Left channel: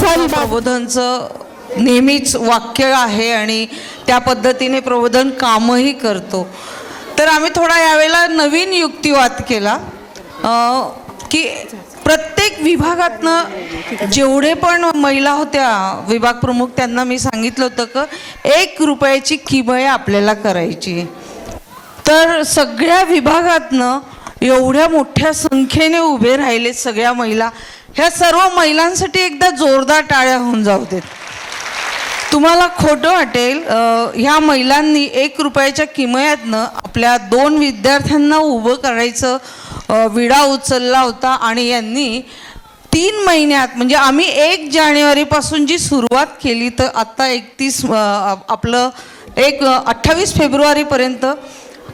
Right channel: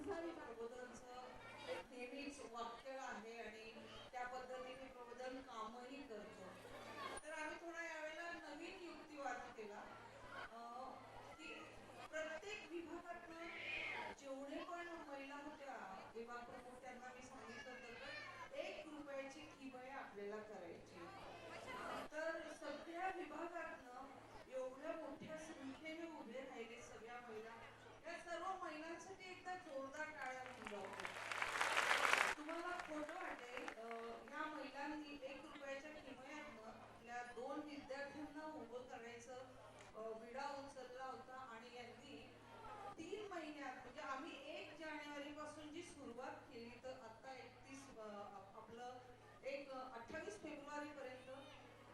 माझा विभाग प्रबोधनचं नेहमीच वाक्य आहे आणि त्या पद्धतीने प्रबोधन कामही करतो. तर आम्ही थोडा यावेळेला नवीन युक्तिवाद केला की प्रत्येक विभागातनं जेवढे पण महिला होत्या विभाग प्रमुख त्यांना मी सांगितलं होतं की 1 रुपयाची किमया आपल्याला करायची. तर सगळ्या विभागातनं एवढ्या मोठ्या संख्येने उभे राहिले सगळ्या महिला. ह्या सर्व महिलांसाठी एकदा जोरदार टाळ्या होऊन जाऊ देत. तुम्हाला खोटं वाटेल, ह्या महिलांनी 1 रुपयाच्या किमयातनं आपल्या 2 विद्यार्थ्यांना उभं करायचं विडा उचलला होता आणि यांनी 3 महिन्यात म्हणजे आम्ही 1 जानेवारीपासून जी सुरुवात केली तर आत्ता 28 फेब्रुवारीपर्यंत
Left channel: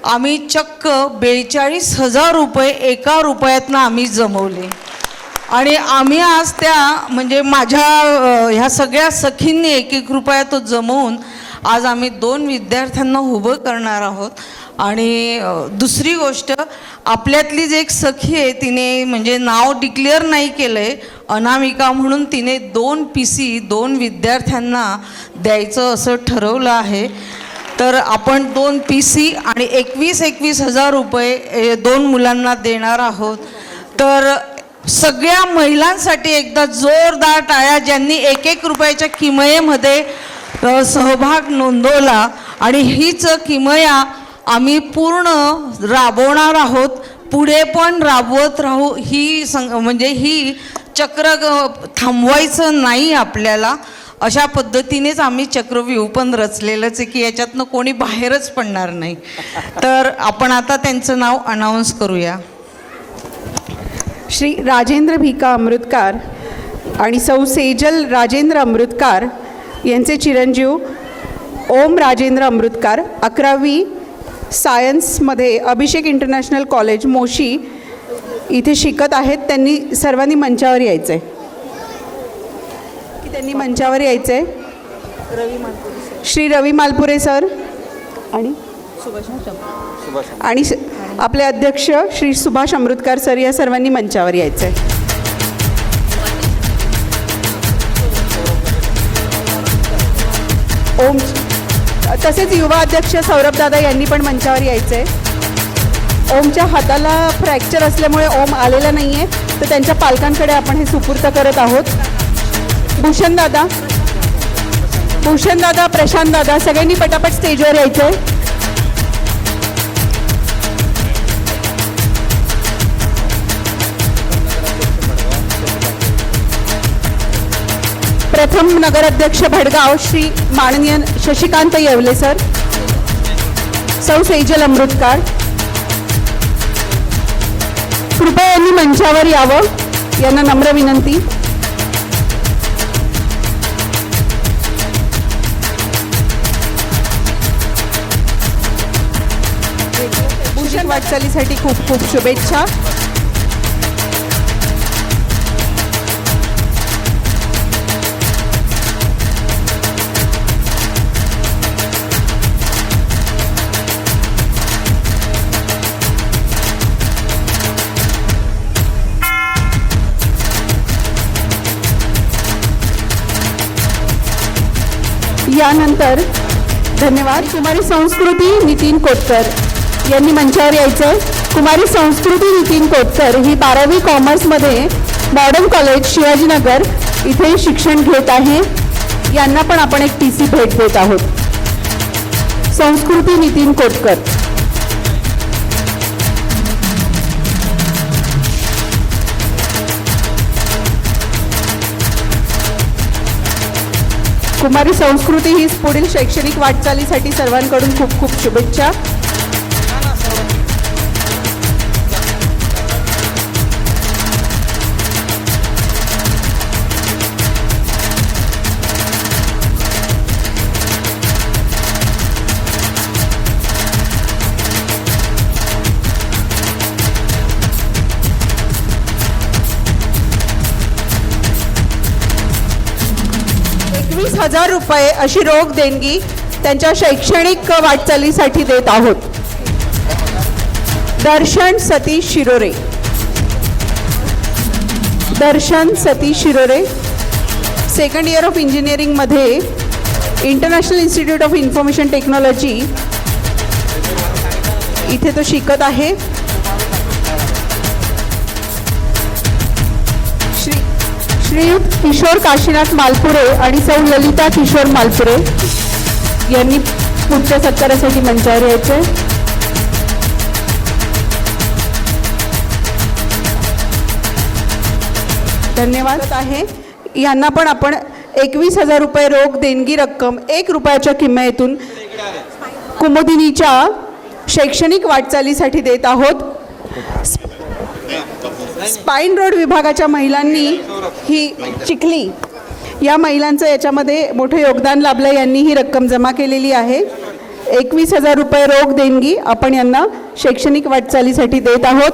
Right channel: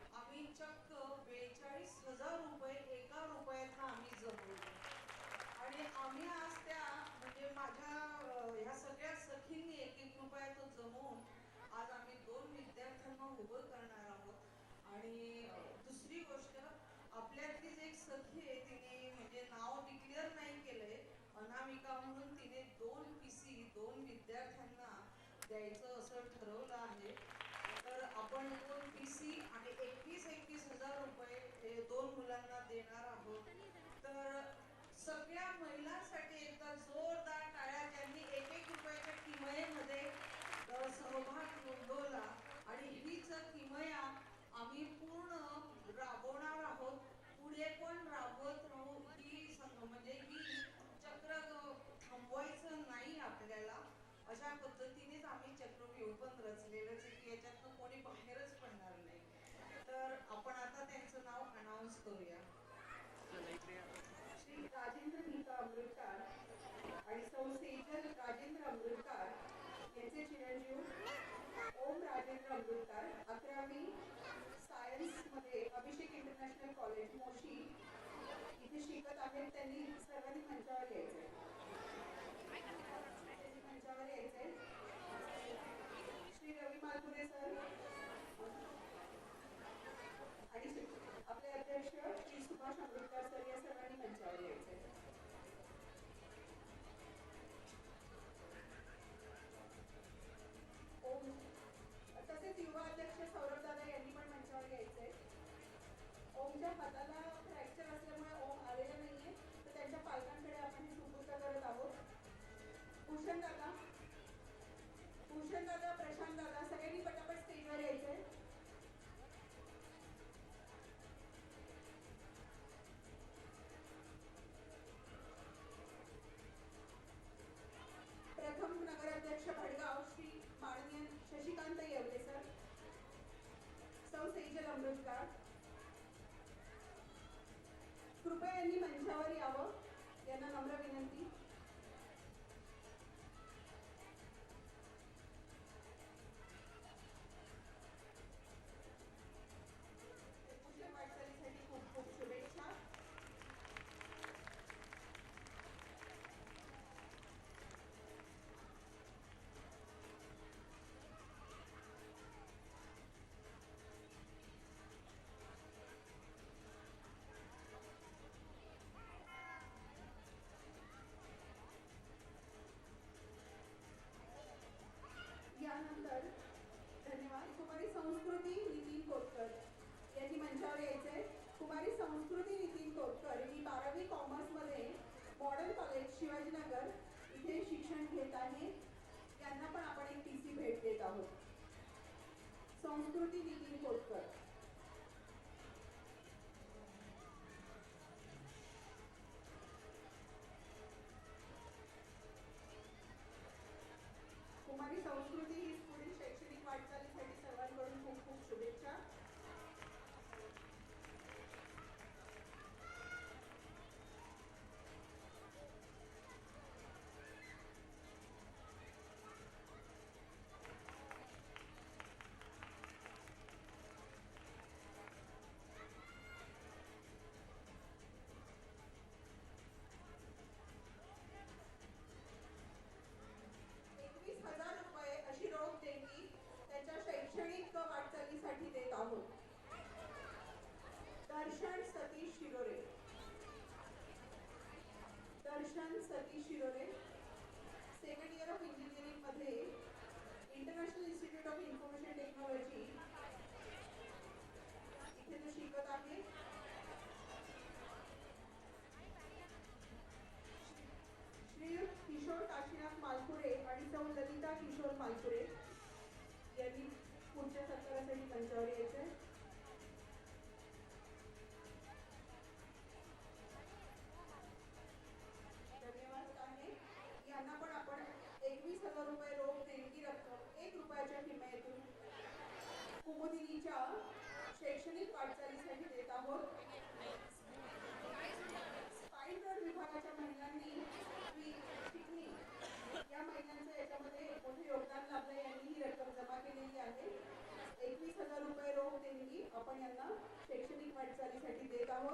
आम्ही चक्क 42,000 रुपये 1 रुपयातनं आम्ही जमवले. आणि आम्ही आज त्या म्हणजे माझ्या ह्या सगळ्या सखींनी 1-1 रुपया तो जमवून आज आम्ही 2 विद्यार्थ्यांना उभं करणार आहोत. आणि दुसरी गोष्ट, आपल्यातलीच एक सखी आहे, तिने म्हणजे नाव डिक्लेअर नाही केलं आहे, अनामिका म्हणून, तिने 2 PC 2 विद्यार्थ्यांना द्यायचं असं ठरवलं आहे. तर आपण 2 PC आणि 21,000 रुपये 2 मुलांना देणार आहोत. तर सगळ्या महिलांसाठी एकदा जोरदार टाळ्या ज्यांनी 1-1 रुपयाच्या किमयेमध्ये सहभाग नोंदवला. आणि हीच किमया आम्ही पूर्ण राबवणार आहोत, पुढे पण राबवत राहू. म्हणजे ही चक्र थांबवायचं नाही आपल्याला. अशा पद्धतीनेच आम्ही चक्रव्यूह पण रचलेलंच आहे की याच्यातनं कोणी बाहेरच पडणार नाही. तर आपण आता त्यांचं नाव अनाऊन्स करूया. श्री राजेंद्र भिका अमृतकार आणि सौ सेजल राजेंद्र अमृतकार यांचे चिरंजीव ओम राजेंद्र अमृतकार 11वी सायन्समध्ये अभिषेक इंटरनॅशनल कॉलेज मोशी इथे शिकत आहेत. त्यांनी सर्वांनी मंचावर यायचं आहे की त्यांनी मंचावर यायचं आहे. श्री रवी मालपुरे सर आणि आपले अध्यक्ष श्री सुभाष अमृतकार सर या सर्वांनी मंचावर यायचं आहे. ओम तसेच युवा अध्यक्ष सौरभ दादा यांनी पण मंचावर यायचं आहे. ओमच्या हाताला फ्रॅक्चर असल्यामुळे ओम आलेला नाही आहे, तर त्यांच्या पालकांकडे आपण हे सुपूर्द करत आहोत. भूषण दादा प्रशांत दादा सगळ्यांनी पटापट स्टेजवर यायचं आहे. प्रथम नगराध्यक्ष भडगाव श्री माननीय शशिकांत येवले सर, सौ सेजल अमृतकार, कृपया यांनी मंचावर यावं, यांना नम्र विनंती. भूषण वाटचालीसाठी खूप खूप शुभेच्छा. यानंतर धन्यवाद. कुमारी संस्कृती नितीन कोतकर यांनी मंचावर यायचं. कुमारी संस्कृती नितीन कोतकर ही 12वी कॉमर्समध्ये मॉडर्न कॉलेज शिवाजीनगर इथे शिक्षण घेत आहे. यांना पण आपण एक PC भेट देत आहोत. संस्कृती नितीन कोतकर. कुमारी संस्कृती ही पुढील शैक्षणिक वाटचालीसाठी सर्वांकडून खूप खूप शुभेच्छा. ₹20,000 अशी रोख देणगी त्यांच्या शैक्षणिक वाटचालीसाठी देत आहोत. दर्शन सतीश शिरोरे. दर्शन सतीश शिरोरे सेकंड इयर ऑफ इंजिनिअरिंगमध्ये international institute of information technology इथे तो शिकत आहे. श्रीयुत किशोर काशीनाथ मालपुरे आणि सौ ललिता किशोर मालपुरे यांनी पुढच्या सत्कारासाठी मंचावर यायचे. धन्यवाद आहे. यांना पण आपण 21,000 रुपये रोख देणगी रक्कम 1 रुपयाच्या किमतीतून कुमुदिनीच्या शैक्षणिक वाटचालीसाठी देत आहोत. स्पाईन रोड विभागाच्या महिलांनी ही चिखली या महिलांचं याच्यामध्ये मोठं योगदान लाभलं. यांनी ही रक्कम जमा केलेली आहे. 21,000 रुपये रोख देणगी आपण यांना शैक्षणिक वाटचालीसाठी देत आहोत.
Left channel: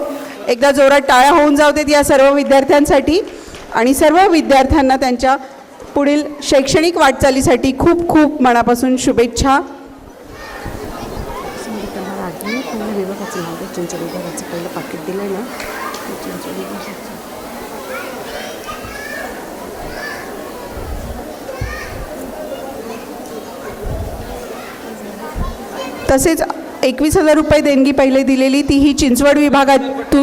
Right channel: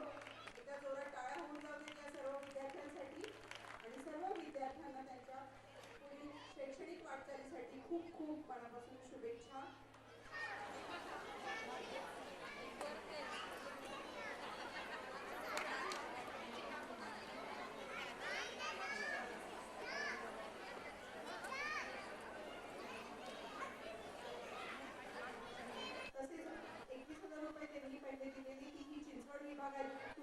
एकदा जोरात टाळ्या होऊन जाऊ देत या सर्व विद्यार्थ्यांसाठी आणि सर्व विद्यार्थ्यांना त्यांच्या पुढील शैक्षणिक वाटचालीसाठी खूप खूप मनापासून शुभेच्छा. तसेच 21,000 रुपये देणगी पहिले दिलेली ती ही चिंचवड विभागातून